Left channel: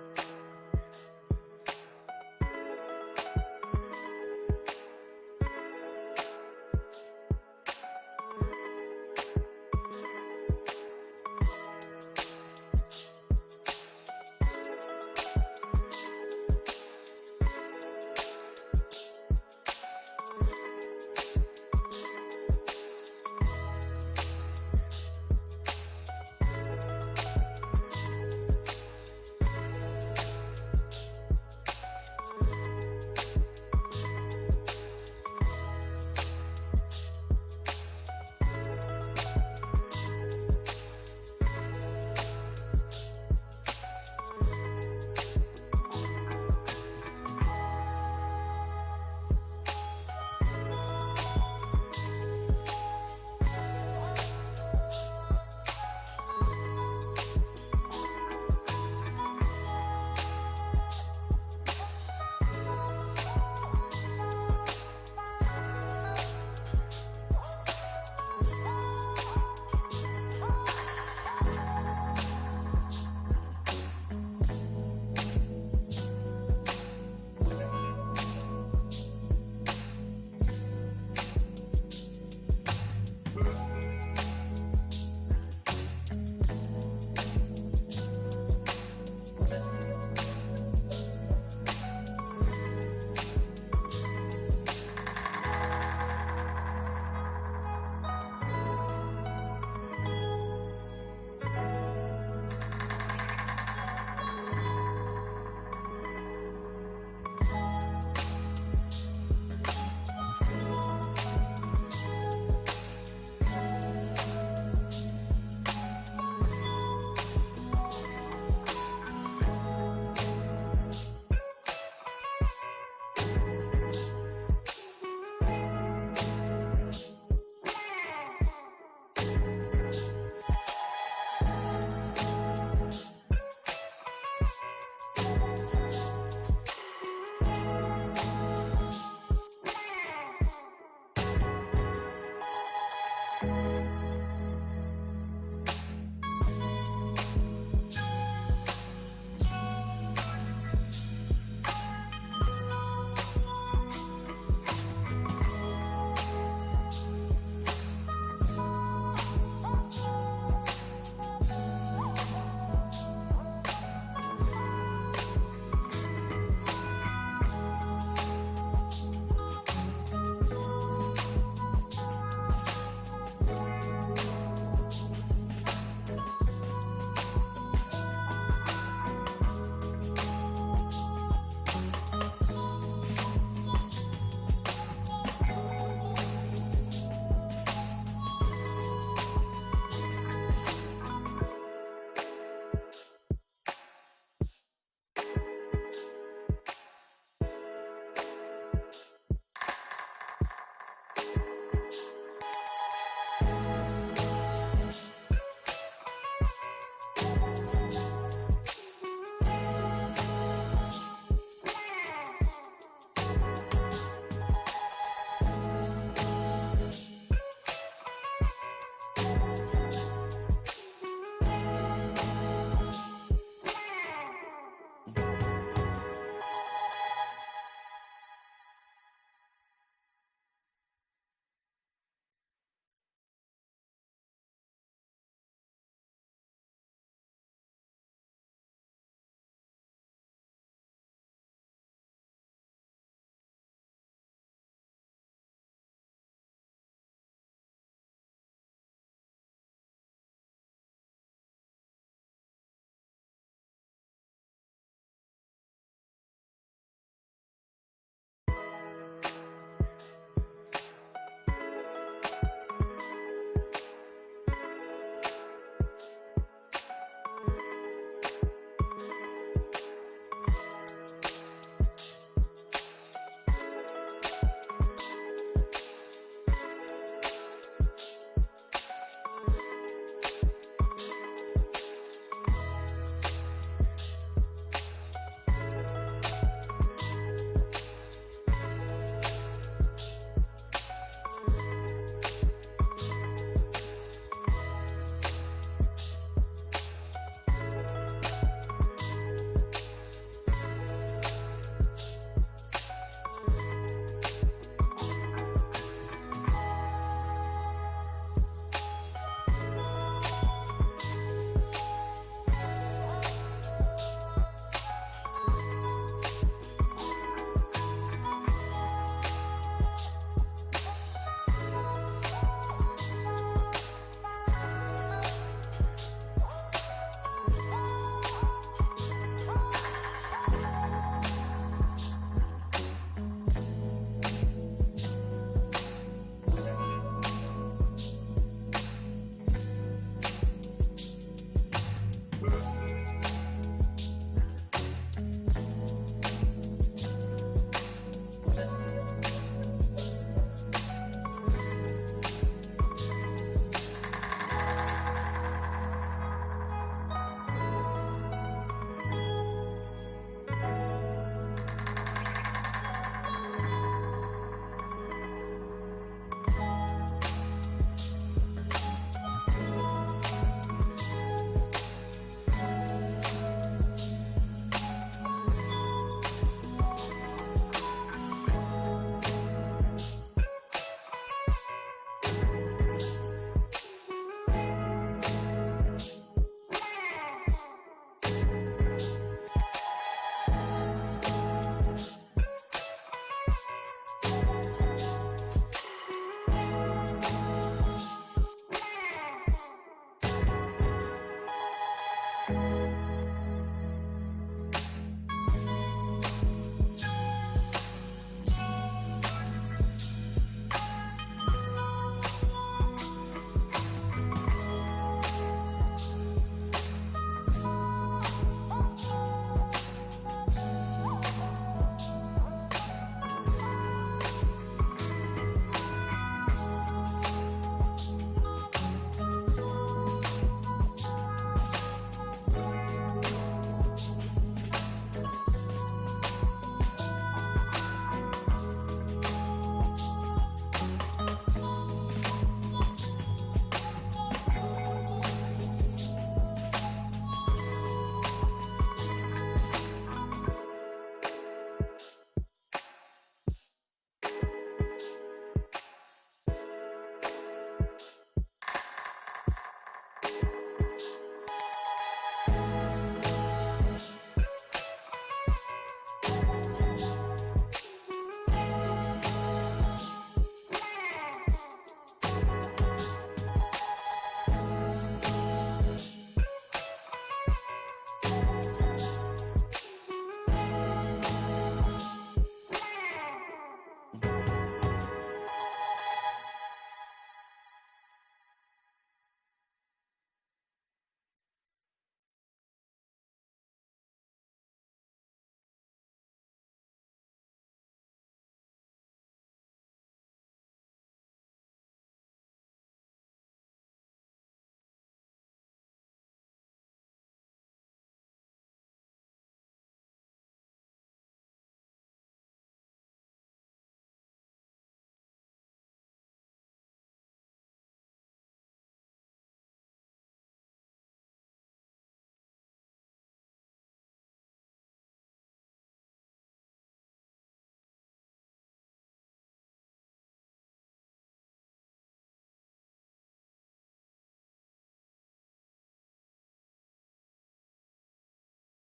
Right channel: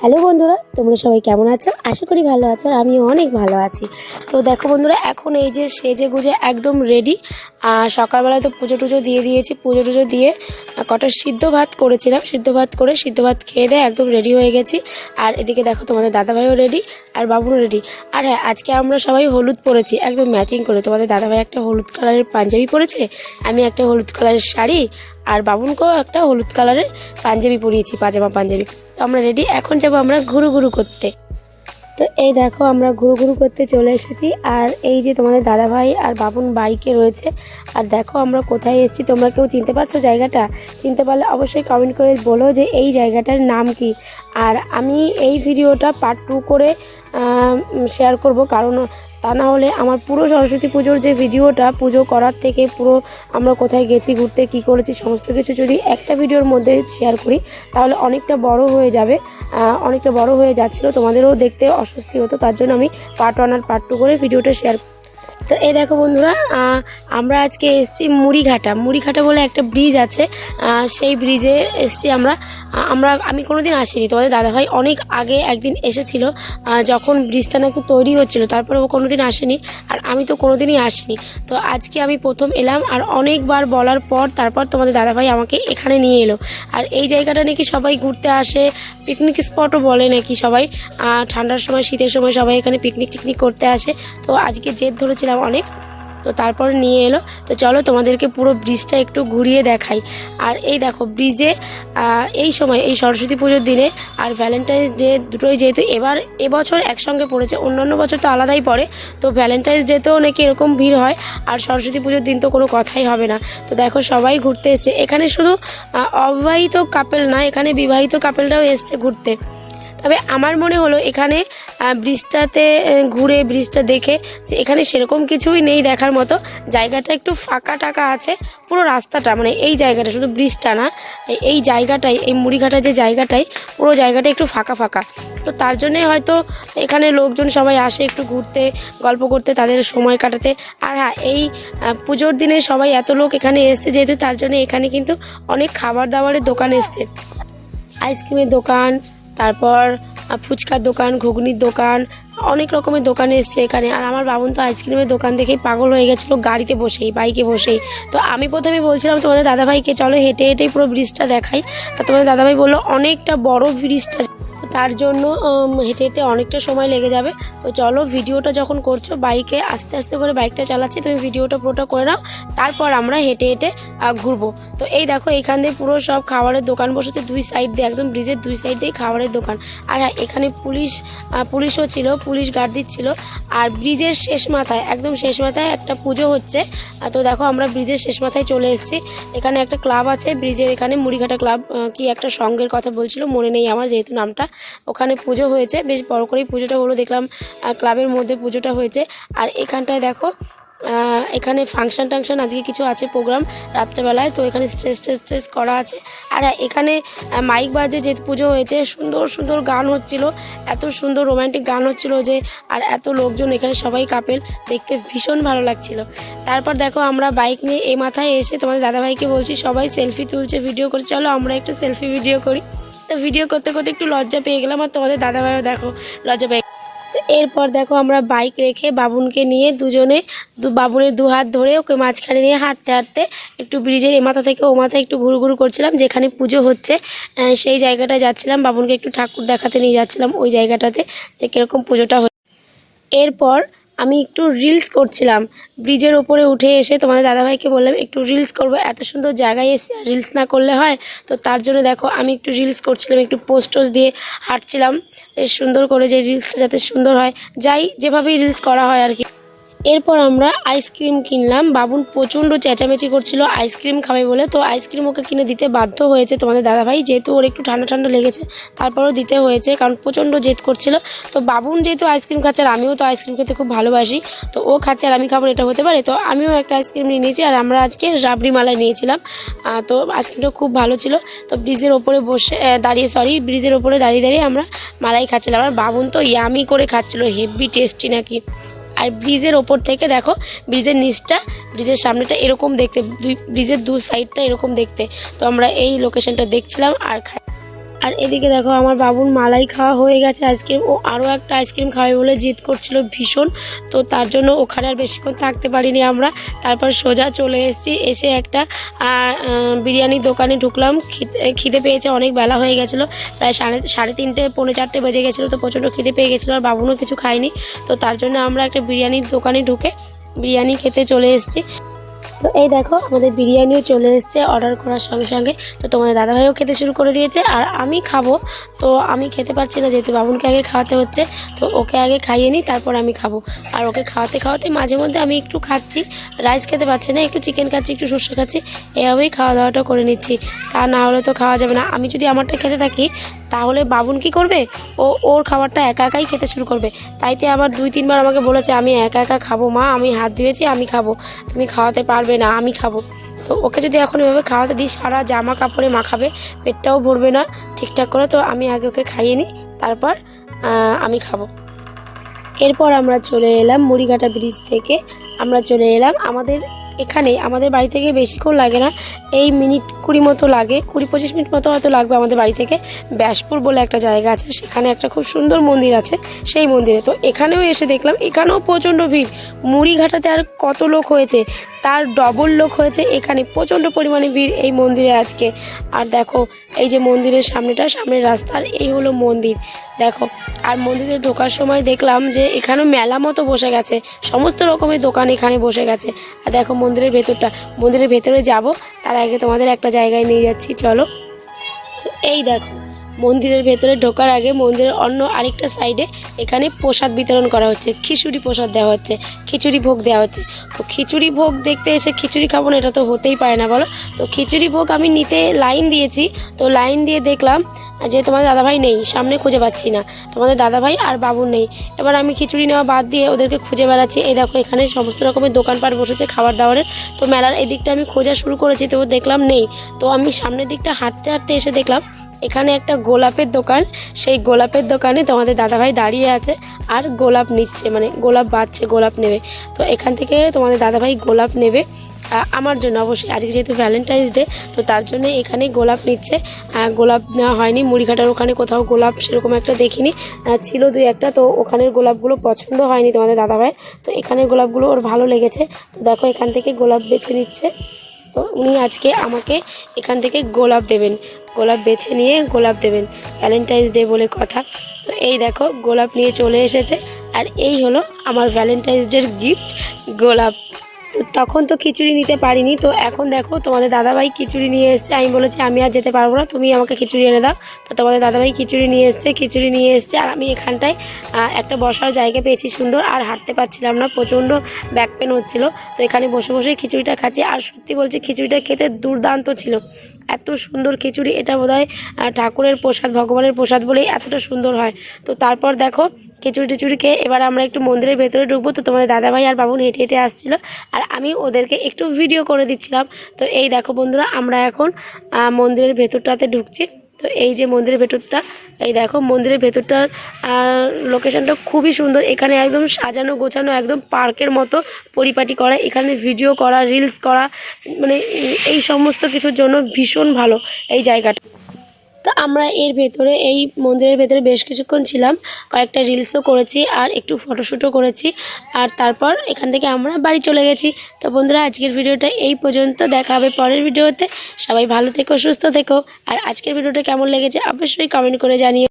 Hello বন্ধুরা, তোমরা সবাই কেমন আছো? আশা করি ভালো আছো আর আমিও অনেক ভালো আছি। তো দেখো বন্ধুরা, এখন এই যে সেজে গুজে একদম রেডি আর সকালবেলায় তো পুজো টুজো দিয়ে দিয়েছি। পুজো টুজো দিয়ে কটা সিদ্ধ ভাত করেছিলাম। সিদ্ধ ভাত করে সিদ্ধ ভাত খেয়ে দেয় একদম রেডি হয়ে গেছি। আর এদিকে দেখো তোমাদের দাদাভাইও রেডি আর বাবুও রেডি আর হ্যাঁ আজকে আমরা সবাই হলুদ পরেছি, একদম ম্যাচিং করে। তোমাদের দাদাভাই একটা হলুদ কালারের পাঞ্জাবি পরেছে, আমি একটা হলুদ কালারের শাড়ি আর বাবুনকেও একটা হলুদ কালারের পাঞ্জাবি পরিয়েছি, পাজামা পাঞ্জাবি। তো আমরা রেডি এখন যাব আমরা ঘুরু ঘুরু করতে। তো এই দেখো আমরা ঘুরু ঘুরু করতে চলে এসেছি, আর এই যে তোমাদের দাদা ভাই আর বাবুন বাইকে রয়েছে, আর দেখো আমরা কোথায় এসেছি, তোমরা কেউ চিনতে পারছ জায়গাটা? চিনতে পারলে অবশ্যই কমেন্ট করে বলো যে এই জায়গাটার নাম কি। আর আমি এই ভিডিওটা পার্ট টু করে শেয়ার করব, কারণ তা না হলে আমার পুরো সরস্বতী পুজোর যে ভিডিওটা, পুজো করার থেকে পুরো আমরা কোথায় গেছি, ঘুরতে কি করেছি, সমস্ত কিছু যদি একটা ভিডিওর মধ্যে শেয়ার করি, তাহলে অনেকটা বড় হয়ে যাবে অনেকটা বড় হয়ে যাচ্ছিল। তোমাদেরও দেখতে অস্বস্তি হতো, তার জন্য আমি পার্ট ওয়ান আর পার্ট টু করে ভিডিওটা শেয়ার তো এই দেখো বন্ধুরা আমরা আজকে এসেছি মুড়িঘাটা। মুড়িঘাটা বলে একটা ব্রিজ আছে সেই ব্রিজে এসেছি আমরা। আমরা, আমি কোনোদিন আসিনি, তোমাদের দাদাভাই অনেক আগে একদিন এসেছিল যখন ব্রিজটা নাকি তৈরি হচ্ছিল তারপরে ও কোনো দিন আসেনি, আর আমি তো কোনোদিনই আসিনি। তো আজকে আমি প্রথম এলাম, আর অনেকবার বলার পর তারপর তোমাদের দাদাভাই আমাকে এখানে নিয়ে এলো। আর এই জায়গাটা নাকি সবাই ঘুরতে আসে পিকনিক স্পটও বলে নাকি সবাই ঠান্ডার সময়, শীতের সময় সবাই এখানে পিকনিক টিকনিক করতে আসে। তো আজকে জেদ ধরেছিলাম অনেক। তো তারপর নিয়ে এলো। তো চলো তোমাদেরকে পুরো ব্রিজটা একটু ঘুরিয়ে দেখাই। আর এই দেখো ব্রিজে এই সময়, এই সরস্বতী পুজোর দিনে আর ভ্যালেন্টাইন্স ডে দুটোই যেহেতু এবার এবছর একসঙ্গে পড়েছে, অন্যান্য বছর তো আলাদাই পড়ে। তো ভ্যালেন্টাইন্স ডেতেও নাকি এরকম ভিড় হয়, আর সরস্বতী পুজোর দিন তো কোনো কথাই হবে না। তো দেখো সবাই ঘুরতে এসছে। এখানে শুধু অবিবাহিত কাপেল না, এখানে বিবাহিত কাপেলরাও এসছে ঘুরতে। তবে আমার মনে হলো এখানে ব্রিজটাতে ঘুরে ব্রিজটা দেখে যে এখানে সেরকম কিছুই নেই দেখার মতো। জায়গাটা একটু ফাঁকা টাকা আছে, পুরো রাস্তাটা মানে এই জায়গাটা শুধু ব্রিজটা না, এই- জায়গাটাই, এই মুড়িঘাটা যে জায়গাটাই, পুরো জায়গাটা একটু ফাঁকা ফাঁকা। তো তার জন্যে হয়তো এখানে লোকজন সবাই আসে একটু ঘুরতে, গল্প করতে, তাদের সময় কাটাতে। আর হ্যাঁ এই পুজোর দিনে সবাই এত লোক এখানে এসছে যেহেতু তার জন্য এখানে কিন্তু অনেক খাবার দাবারের দোকান এসছে। আইসক্রিমের দোকান তারপর ফুচকার দোকান, ঘুগনির দোকান, অনেক রকমের দোকান এসছে এখানে। আর আমার বাবুন তো আইসক্রিমের দোকান দেখেই পাগল হয়ে গেছিল গাড়িতে বসেই, বাইকে বসেই। তো আমি প্রথমে বলছিলাম তোমাদের দাদাভাইকে, চলো হেঁটে হেঁটেই পুরো ব্রিজটা দেখাই। তা তোমাদের দাদাভাই বলল, অনেকটা বড় ব্রিজটা তার জন্য হেঁটে হেঁটে অনেকটা সময় লেগে যাবে। তো চলো, ভিডিওটা যখন করছ, বাইকে আস্তে আস্তে করে বাইকটা চালাচ্ছি, তুমি ভিডিওটা পুরোটা করে নাও, তারপর আমরা হেঁটে হেঁটে ঘুরবো। তো এই দেখো এখান দিয়ে পুরো সব খাবারের দোকান বসেছে, দুই সাইড দিয়ে, একদম ব্রিজের দুই সাইড দিয়ে খাবারের দোকান। আর হ্যাঁ এখানে পুলিশ পুলিশও ছিল, পুলিশ গার্ড দিচ্ছিল আর ব্রিজের শেষ মাথায়, একদম শেষ মাথায় একটা পুজো হচ্ছে। তো দেখো, আমরা ব্রিজের শেষ মাথায় চলে এসেছি। এখানে একটা ক্লাব আছে ব্রিজের এখানে মুড়িঘাটা ক্লাব কি একটা সঙ্গের কথা বলছিল, মনে নেই আমার যেহেতু নামটা। ওখানে পুজো হয়েছে, বেশ বড় করেই পুজোটা হলো, দেখলাম ক্লাবের মধ্যে পুজোটা হয়েছে। আর এখানটায় দেখো এখানে ফাংশন টাংশন, আজকে কিছু আছে প্রোগ্রাম রাত্রেবেলায়, তো এখানে স্টেজ টেজ টেজ করা আছে। আর এখানে মাইক বাজে, যে পুজো হয়েছে, সুন্দর সুন্দর গান হচ্ছিল, এত সুন্দর রোমান্টিক গান হচ্ছিল যে, আর এত লোকজন এখানে সবাই কাপেল দেখতে ভীষণ ভালো লাগছিল। তারপর দেখো, আমরা বাইক নিয়ে এই মাথায় এসে তোমাদের দাদাভাইকে বলছি, সবাই সেলফি তুলছে ভিডিও করছে, চলো আমরা একটু সেলফি ভিডিও করি। তো ভিডিও করতে করতে একটু লজ্জা পেয়ে গেলাম। আর তোমাদের দাদা দাদাভাইও দেখো, লজ্জা পেয়ে এরপর দেখো আমরা বাইক রেখে বাবুনকে নিয়ে দুজনে দু বাবুনের দু হাত ধরে ওকে মাঝখানে নিয়ে হাঁটতে হাঁটতে একটু ব্রিজের এ মাথা থেকে ও মাথায় একটু ঘুরু ঘুরু করছিলাম, যেখানে পুজো হচ্ছে সেই জায়গাটায় যাচ্ছিলাম। বাবুনকে একটু ঠাকুর দেখাতে নিয়ে যাচ্ছিলাম ওই জায়গাটাতে, যে কীরকম পুজোটা হচ্ছে। এরপর আমি একটু রিলস করছিলাম। ব্রিজের ওপরে উঠে এসে তোমাদের দাদাভাইকে বললাম, একটু রিলস করব, এত সুন্দর জায়গায় এসে রিলস না করলে হয়? তো তার জন্য দেখো, আমি একটু রিলস করছিলাম, একটু পোস্টস দিয়ে হাঁটছিলাম। বেশ সুন্দর করে যে রিলসটা যাতে সুন্দর হয়, যাই যেভাবেই রিলস করা হয় আর কি। এরপর আমরা আইসক্রিম কিনলাম। বাবুন প্রচণ্ড চেঁচামেচি করছিল আইসক্রিম খাবে বলে। তো আইসক্রিম ওকে কিনে দিতে বাধ্য হয়েছে তোমাদের দাদাভাই। যেহেতু ওর একটু ঠান্ডা ঠান্ডা লেগেছে, তারপরেও দিতে হয়েছে কারণ প্রচণ্ড জেদ করছিল। তো বাবুন যেহেতু আইসক্রিম খাচ্ছে আর আমিও তো আইসক্রিম খেতে খুব ভালোবাসি, তো ও খাচ্ছে আর আমি খাব এটা হতে পারে। তো আমিও একটা আইসক্রিম নিয়ে নিয়েছি আর আমরা আজকে রাবড়ি মালাই নিয়েছিলাম। তো আইসক্রিমটা খুব ভালো ছিল। তো ব্রিজের ওপরে বসে দাঁড়িয়ে সরি ব্রিজের ওপরে দাঁড়িয়ে দাঁড়িয়ে আমরা মালাই খাচ্ছিলাম। আর বাবুন তো ইয়ামি করে খাচ্ছিল হেভি টেস্টি নাকি। আর ব্রিজের ওপর থেকে দেখো, ব্রিজের নিচটা, ব্রিজের সামনেটা এরকম দেখতে, দুই, ব্রিজের দু সাইডটা এরকম দেখতে। তো আমরা এই লোকেশনটা দেখছিলাম আর আর এদিকে দেখো, আমার বাবুর মালাই খাওয়া হয়ে গেছে আইসক্রিম ও আরও একটা আইসক্রিম খাবে বলে জিদ করছিল ভীষণ। তো তার জন্য ওখানে আর বেশিক্ষণ থাকতে পারিনি আমরা। তারপর সোজা চলে এসেছি, এসে একটা বিরিয়ানির দোকানে ঢুকলাম। খিদে পেয়েছে, অনেক বেলা হয়ে গেছিল। প্রায় সাড়ে সাড়ে তিনটে, পৌনে চারটে বেজে গেছিল, তো প্রচণ্ড খিদে পেয়ে গেছিল আর বাবুনও কিছু খায়নি। তো তার জন্য আমরা একটা বিরিয়ানির দোকানে ঢুকে বিরিয়ানি খেতে চলে এসেছি। তো এই দেখো, আমাদের বিরিয়ানিও চলে এসেছে অর্ডার করার সঙ্গে সঙ্গে। তো তোমাদের দাদাভাইও খেতে শুরু করে দিয়েছে, আর আমি খাব। তো আমি খেতে পারছি না, যেহেতু বাবুনকে আগে খাওয়াতে হচ্ছে, তো ওকে আগে খাইয়ে নিই, তারপর আমি খাব। আর ওকে খাওয়াতে খাওয়াতে মাঝে মধ্যে আমি একটু খাচ্ছি রাইস খেতে পারছি না, একটু চিকেন খাচ্ছি, একটু শস্য খাচ্ছি, এভাবেই খাওয়া দাওয়াটা করে নিচ্ছি। তা না হলে তো খাওয়া যাবে না। আমি যদি আমারটা খেতে থাকি, তাহলে বাবুন কি করবে? ও, ওর খাবারটা একা একাই খেতে শুরু করবে। তাইতে আবার দুই তিনবার আমাকে বলেছে, আমি একা একা খাব মা, আমি হাত ধুয়েছি, আমি খাব। তুমি খাওয়াতে পারবে না, আমি খাব। তো ওকে যদি এখন এভাবে খাওয়াতে দিই, সারা জামা কাপড়ে মাখাবে, পেটটাও ভরবে না ঠিকঠাক করে। তো আমি আগে ওকে খাইয়ে নিই, তারপর আমি খাব। এরপর আমরা চলে এলাম মুড়িঘাটা ব্রিজ থেকে। আমরা চলে এলাম আমাদের এখানে, আমাদের বাড়ি থেকে বেশিক্ষণ লাগে না। এই মিনিট কুড়ি মতো লাগে, কুড়ি পঁচিশ মিনিট মতো হয়তো লাগবে আমাদের বাড়ি থেকে। ব্যাসপুর বলে একটা জায়গা আছে, সেখানে একটা খুব সুন্দর মন্দির আছে, সেই মন্দিরে। তো এখানেও এসে দেখলাম, এখানেও প্রচণ্ড ভিড়। মুড়িঘাটাতে আর কত লোক হয়েছে? তার ডবল লোক হয়েছে। এখানে প্রচণ্ড পরিমাণে ভিড় এই মন্দিরে আজকে। আর দেখো, এই যে মন্দিরের সামনেটা, সামনের রাস্তার, এই হলো মন্দির। দেখো, আর মন্দিরে ঢোকার সময় দেখলাম যে এখানেও মেলা মতো বসে গেছে। সমস্ত রকমের দোকান এখানে বসে গেছে। আর দেখো মন্দিরের ভেতরটা, মন্দিরের ভেতরে যাব, তার আগে তোমাদের একটা জায়গায় নিয়ে যাচ্ছি, চলো। এই দেখো। মন্দিরের ভেতরে ঢোকার আগে মন্দিরের অন্য আরেকটা সাইডে এখানে প্রসাদ বিতরণ করা হচ্ছে, খিচুড়ি প্রসাদ দেওয়া হচ্ছে, খিচুড়ি ভোগ দেওয়া হচ্ছে। তো খিচুড়ি ভোগ দেখতে এসে খিচুড়ি খাব না, এটা তো হতেই পারে না বলো। তো খিচুড়ি ভোগ আমি নিতে লাইন দিয়েছি, তো লাইন দিয়ে দেখলাম যে তোমাদের দাদাভাই নেই, সামনে খুঁজে পাচ্ছি না। তোমাদের দাদাভাই আর বাবু নেই। এবার আমি খিচুড়ি নেওয়া বাদ দিয়ে ওদেরকে খুঁজে বেড়াচ্ছি। এই দেখো, এখানে সমস্ত রকমের দোকানপাট বসেছে খাবার দাবারের তো মেলার এই দিকটা আমি খোঁজা শুরু করেছি, তো দেখলাম নেই। তো আমি সামনের দিকটা হাঁটতে হাঁটতে এসে দেখলাম এখানে একটা গোলাপের দোকান। সেই গোলাপের দোকানে তোমাদের দাদাভাই দাঁড়িয়ে আছে আর গোলাপ নিচ্ছে মানে গোলাপ বাঁচছে গোলাপ নেবে। তো এখান থেকে তোমাদের দাদাভাই গোলাপ নেবে আমার জন্য অবশ্যই। আজকে যেহেতু ভ্যালেন্টাইন্স ডে তো তার জন্য এখানে গোলাপ নিচ্ছে। গোলাপ নেওয়া হয়নি, মুড়িঘাটার ওখানে কোথাও গোলাপ সেরকম একটা দেখিনি। ছিল দুই একটা, তো ওখানের গোলাপগুলো পছন্দ হয়নি তোমাদের দাদাভাই। তো এখানের গোলাপগুলো ওর ভালো লেগেছে। তো দেখো এখান থেকে গোলাপ বেছে নিচ্ছে। তো উনি আজকে আমাকে এখান থেকে গোলাপ দেবেন। গোলাপ বেছে নিয়ে গোলাপ দেবেন। ভ্যালেন্টাইন্স ডে বলে কথা। তো এই দেখো, গোলাপ নিয়ে চলে এসেছে। আর এই হলো আমার ভ্যালেন্টাইন্স ডের গিফট গোলাপ। তখন তো খিচুড়ি নিতে পারিনি। তো এখন দেখো, তোমাদের দাদাভাই খিচুড়ি নিয়ে এসছে। আমি বলেছি, আমি আর যেতে পারব না। তুমি আমাকে খিচুড়ি এনে দাও। তো তোমাদের দাদাভাই খিচুড়ি নিয়ে এসছে, খিচুড়ি নিয়ে এসছে। আর আমি এখানটায় একটা বসার জায়গা পেয়েছি সুন্দর। আর হাঁটতে পারছিলাম না। প্রচণ্ড ব্যাক পেন হচ্ছিল। তো এখানে বসে বসে খিচুড়িটা খাচ্ছি। আর সত্যি বলছি, খিচুড়িটা খেতে দুর্দান্ত ছিল। এত সুন্দর খিচুড়ি, এটা বোধ হয় ঠাকুরের প্রসাদ, ভগবানের প্রসাদ বলেই এতটা সুন্দর হয়। তো তারপর দেখো, খিচুড়ি টিচুড়ি খেয়ে এবার আমরা একটু মন্দিরের ভেতরে ঢুকবো। তো তোমাদের দাদাভাই আর বাবুন হেঁটে হেঁটে আসছিল, আর আমি ওদেরকে একটু ভিডিও করে দিচ্ছিলাম। তো এই দেখো বন্ধুরা, আমরা এখন মন্দিরের ভেতরটাতে ঢুকছি। তো এই যে মন্দিরের ভেতরটা, এই দেখো মন্দিরের ভেতরটার লোকেশানটা খুবই সুন্দর। এখানে একদম সাজানো গোছানো একদম পার্কের মতো পরিপাটি করা, এখানে ভিডিও করা রিলস করা মানে এই সমস্ত কিছুর জন্য ভীষণ ভালো এই জায়গাটা। তো আমরা এর ভেতরে, এই মন্দিরের ভেতরে বেশ কিছুক্ষণ ছিলাম। কয়েকটা রিলসও করেছি আর একটু ফটোশ্যুটও করেছি। আর তারপর এখান থেকে আমরা বাড়ি চলে গেছি। তো বন্ধুরা, আজকের ভিডিওটা এই পর্যন্ত। দেখা হবে পরের ভিডিওতে। সবাই ভালো থেকো, সুস্থ থেকো। আর আজকের ভিডিওটা কেমন লেগেছে অবশ্যই কমেন্ট করে জানিও।